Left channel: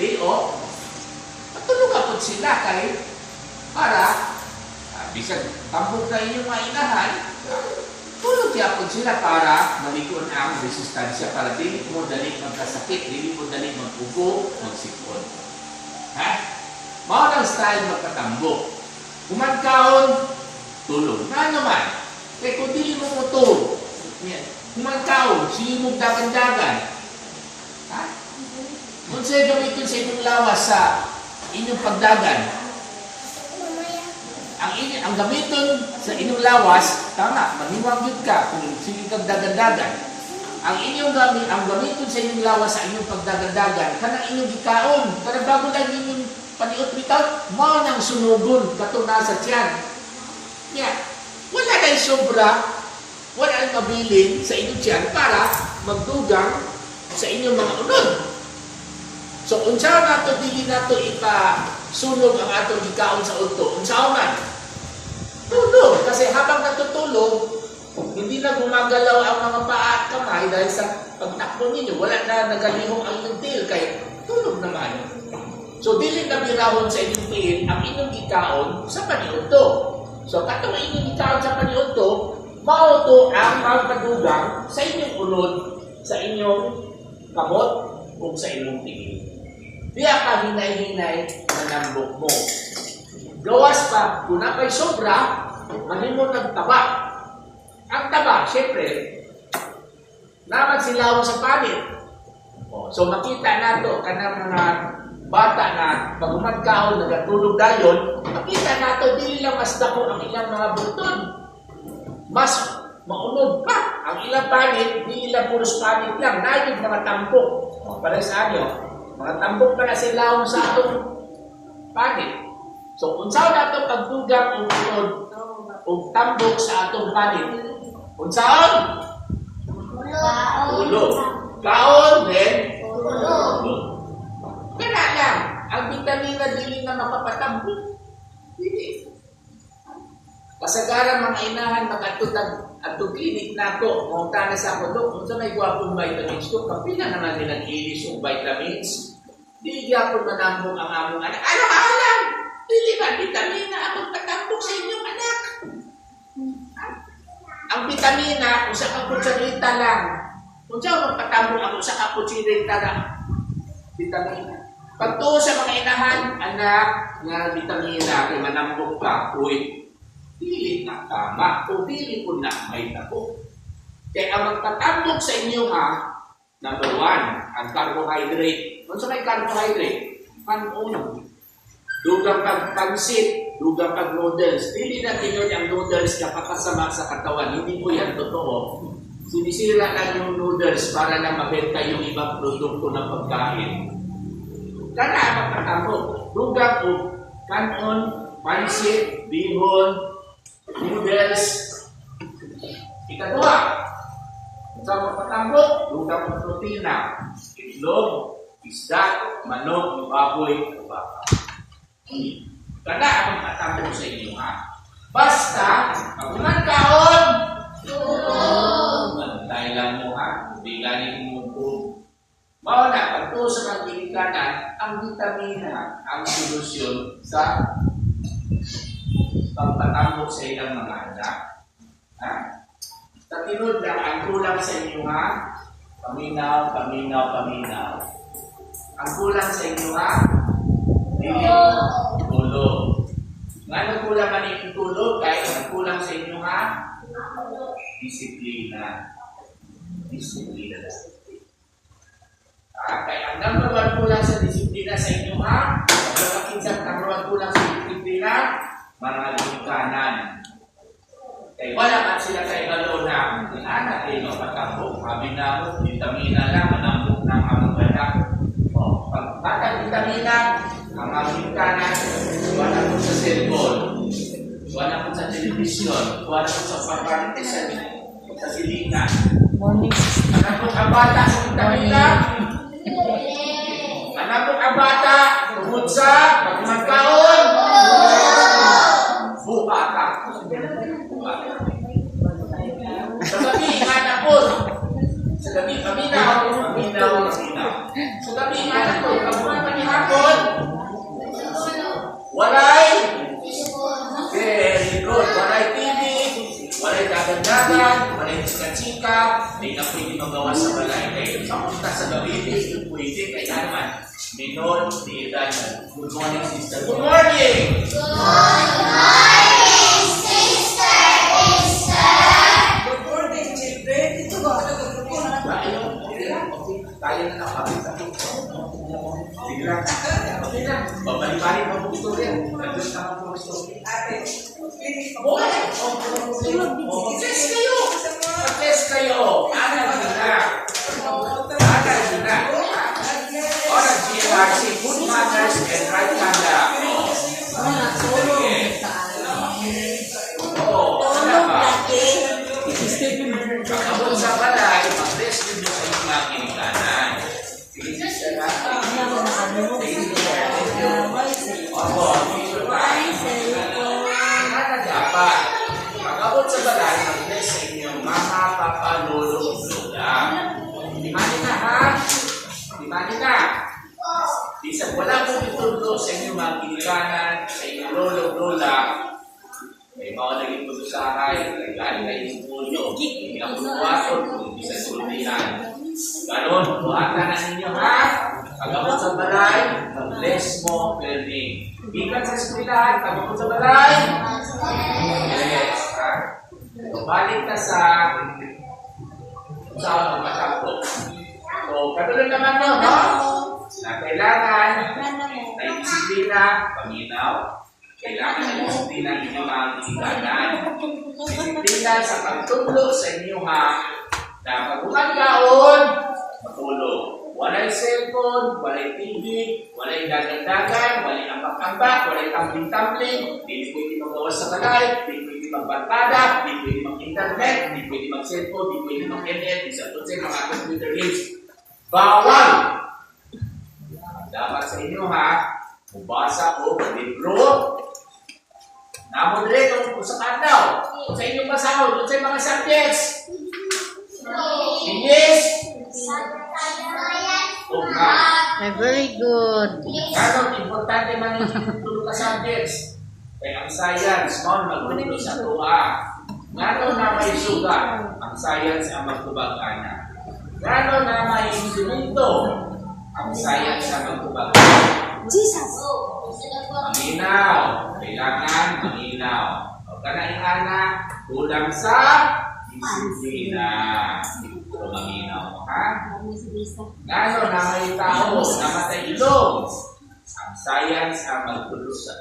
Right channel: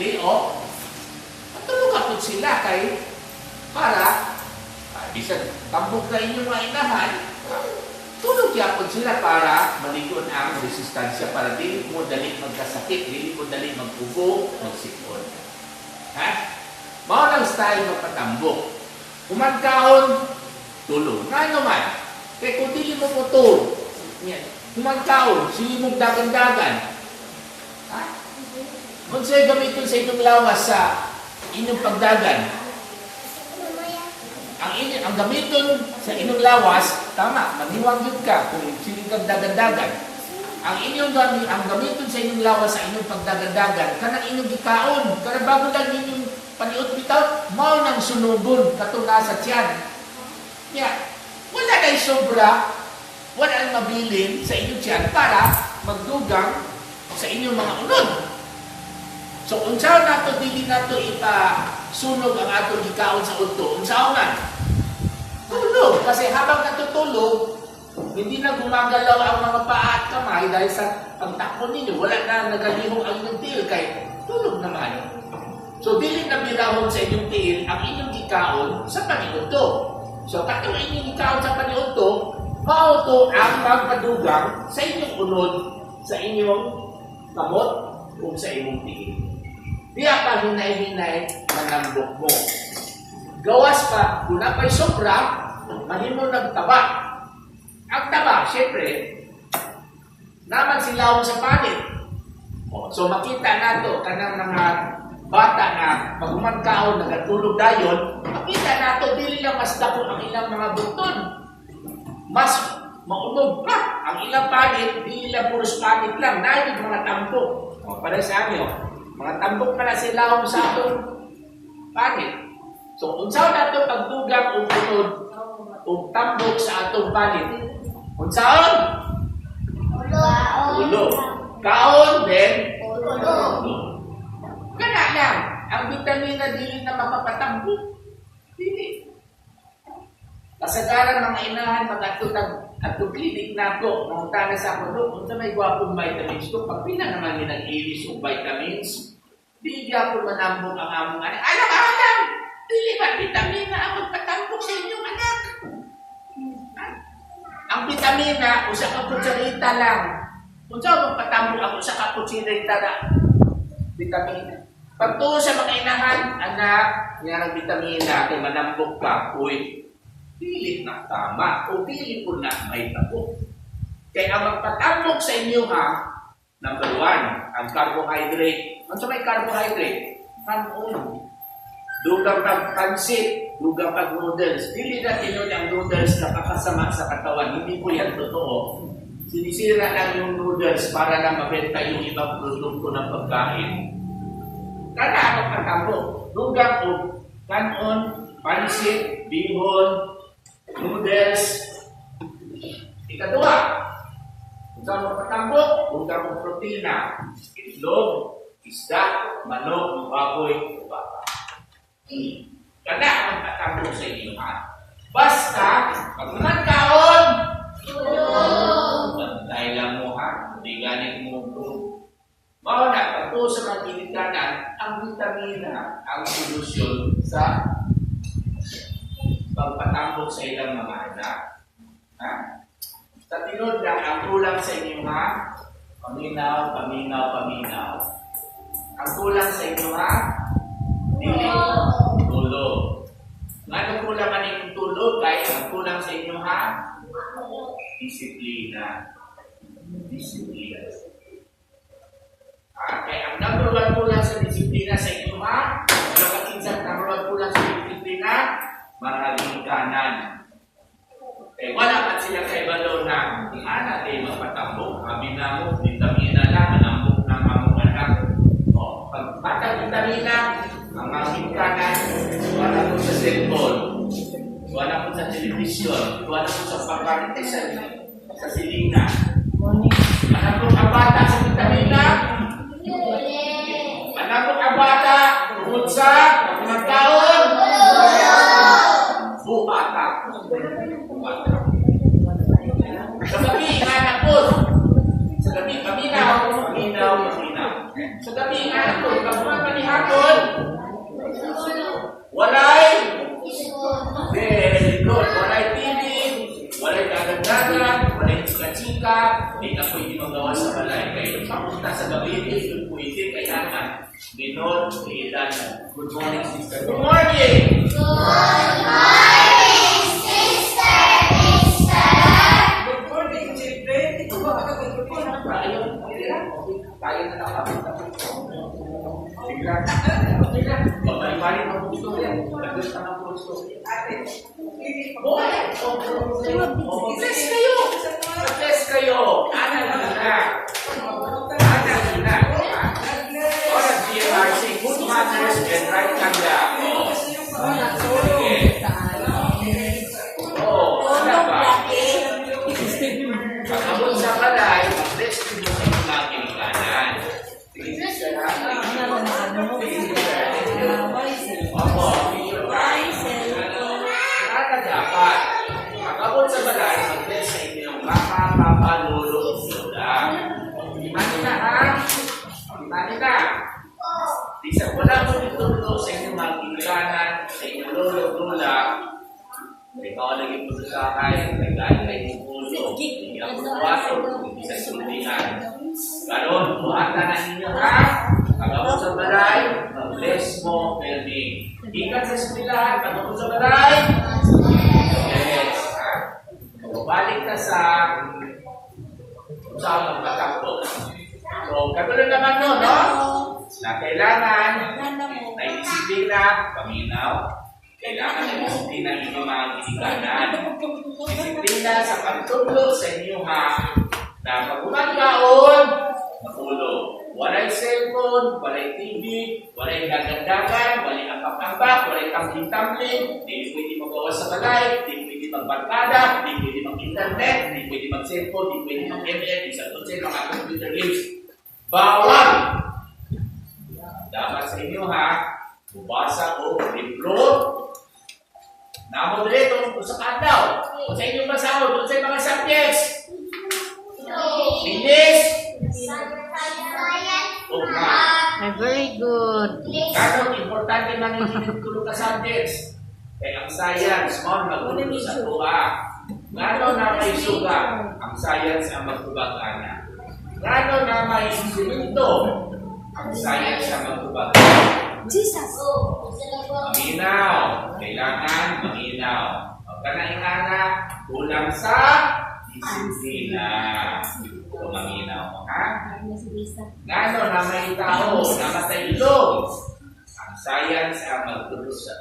day off, matulog kapot sila kay para bisan tambok na inyong mga inahan, tulog yapon sila para malikon ang resistansya para dili mo dali magkasakit, dili mo dali magpugo, magsipon. Ha? Mao lang style magpatambok. Kumagkaon, tulog. Nga naman, kaya kung dili mo putol, kumagkaon, sige mong dagan-dagan. Ha? Kung sa'yo gamitin sa inyong lawas sa inyong pagdagan, ang gamiton sa inyong lawas, tama, maniwag yun ka kung sige kang dagan-dagan. Ang gamiton sa inyong lawas sa inyong pagdagan-dagan, kanang inyong gikaon, kanang bago lang inyong paniot bitaw, mao nang sunugon katuna sa tiyan. Yeah. Wala na sobra, wala na mabilin sa inyong tiyan para magdugang sa inyong mga unod. So, unsaw nato dili nato ipasunog ang atong gikaon sa unto. Unsaw man? Tulog. Kasi habang natutulog, hindi na gumagalaw ang mga paa at kamay dahil sa pagtakbo ninyo. Wala na nagalihong ang inyong tiil kay tulog naman. So, dili na birahon sa inyong tiil ang inyong gikaon sa paniudto. So, katong inyong gikaon sa paniudto, mauto ang magkadugang sa inyong unod, sa inyong kamot, o sa inyong tiil. Diya pa hinay-hinay na nambok mo. Gawas pa, kung napa'y sobra, mahimo nagtaba. Ang taba, syempre, naman silawon sa palit. So makita nato kanang mga bata na pag umagkaon, nagatulog dayon, makita nato dili lang mas dako ang ilang mga buton. Mas maunod pa ang ilang palit, dili lang puros palit lang, dahil mga tambok. Para sa amin, mga tambok na silawon sa atong palit. So, unsaw nato pagdugang o unod o tambok sa atong palit? Unsaon? Tulog. Kaon, then? Tulog. Kaya lang, ang vitamina dili na makapatambok. Dili. Kasagaran mga inahan, mga atong klinik nato, mga sa ako doon, kung sa may gwapong vitamins ko, pag pinanganan din ang ilis o vitamins, di gyapon manambok ang among anak. Alam! Dili ba vitamina ang magpatambok sa inyong anak? Ang vitamina, usa ka kutsarita lang. Kung saan magpatambok ako, usa ka kutsarita lang. Vitamina. Pagtuo sa mga inahan, anak, nga vitamina, kung manambok ka, uy, dili na tama, o dili ko na may tabo. Kaya ang magpatambok sa inyo number 1, ang carbohydrate. Ano sa may carbohydrate? Uno. Dugang pagpansit, dugang pag-noodles. Dili na tinod ang noodles na kakasama sa katawan. Hindi po yan totoo. Sinisira lang yung noodles para lang mabenta yung ibang produkto ng pagkain. Kana ang magpatambok. Dugang o kanon, pansit, bihon, noodles. Ikaduha, sa magpatambok, dugang o protina. Itlog, isda, manok, baboy, o baka. Kada ang magpatambok sa inyo Basta, pag magkaon, bantay lang mo hindi galing mo po. Mao na, pagto sa mga ginikanan, ang vitamina, ang solusyon sa pagpatambok sa ilang mga anak. Sa tinod lang, ang kulang sa inyo paminaw. Ang kulang sa inyo dili, tulog. Nga kulang man yung tulog, kahit ang kulang sa inyo disiplina. Kaya ang number 1 kulang sa disiplina sa inyo ang kinsan number 1 kulang sa disiplina, mga ginikanan. Wala at sila kay balo na anak ay magpatambok, sabi na mo, vitamina lang, manambok ng among anak. Pagpatang vitamina, ang aking kanan, wala ko sa cellphone, wala ko sa television, wala ko sa pagkalit sa silingan. Anak ko ang bata sa vitamina, anak ko ang bata, tungkol sa magkaon, bukata. Sa gabi, anak ko, sa gabi, paminaw. Sa gabi, anak ko, pag pwede magawa sa balay. Kaya papunta sa gabi, hindi pwede. Kaya naman, minor de edad. Good morning, sister. Good morning! Good morning, children. Ito ba ka nag-report? Ayun, okay. Tayo na nakapit sa sige lang. Okay lang. Babalik-balik ang istorya. Nandun na ang puro istorya. Ate, finish pa Oh, mag-test kayo! Mag-test kayo! Anal nyo na! Anal nyo na! O, nag-GRC, good manners and right conduct. Ano ba? Pagkabot sa balay, mag-test nyo sa inyong mga kinikanan. Sige, sister, ha? Sige, sister. Opo, sure tayo. Kada dapat, pagkabot sa balay, mag-test sa inyong mga papalolo o lola. Dimani na, ha? Dimani na. Bisa wala po itulo sa inyong mga kinikanan, sa inyong lolo o lola, ay mawalagin po sa akin, nagkaan kayo ng pulo, hindi ang puwato, hindi sa sultihan. Ganon, buhatan na ninyo, ha? Pagkabot sa balay, mag-bless mo, perming. Ikan sa eskwelahan, pagkabot sa balay, yes, ha? So, balik na sa matakot. So, katulad naman yun, no? Na kailangan ay disiplina, paminaw, kailangan ay disiplina ninyo mga kinikanan. Disiplina sa pagtulog sa inyo, ha? Na pag umagaon, matulog. Walay cellphone, walay TV, walay dagan-dagan, walay ambak-ambak, walay tumbling-tumbling, hindi pwede magawa sa balay, hindi pwede magbarkada, hindi pwede mag-internet, hindi pwede mag-cellphone, hindi pwede mag-ML, isa po sa mga computer games. Bawal! Dapat sa inyo, ha, mubasa o libro. Namodre kung sa kataw, kung sa inyong basahod, kung sa mga subjects. English. Very good. Ganong importante man yung tulog ka subjects. Kaya ang science, mo magtulog sa tuwa. Ganon na may suga, ang science ang magtubag-ana. Ganon na may simento, ang science ang magtubag-ana. Jesus. Maminaw. Kailangan maminaw. O kanaingana, kulang sa disiplina. So, maminaw mo, ha? Gano'n na may tao, namatay ilong. Ang science ang magtulog sa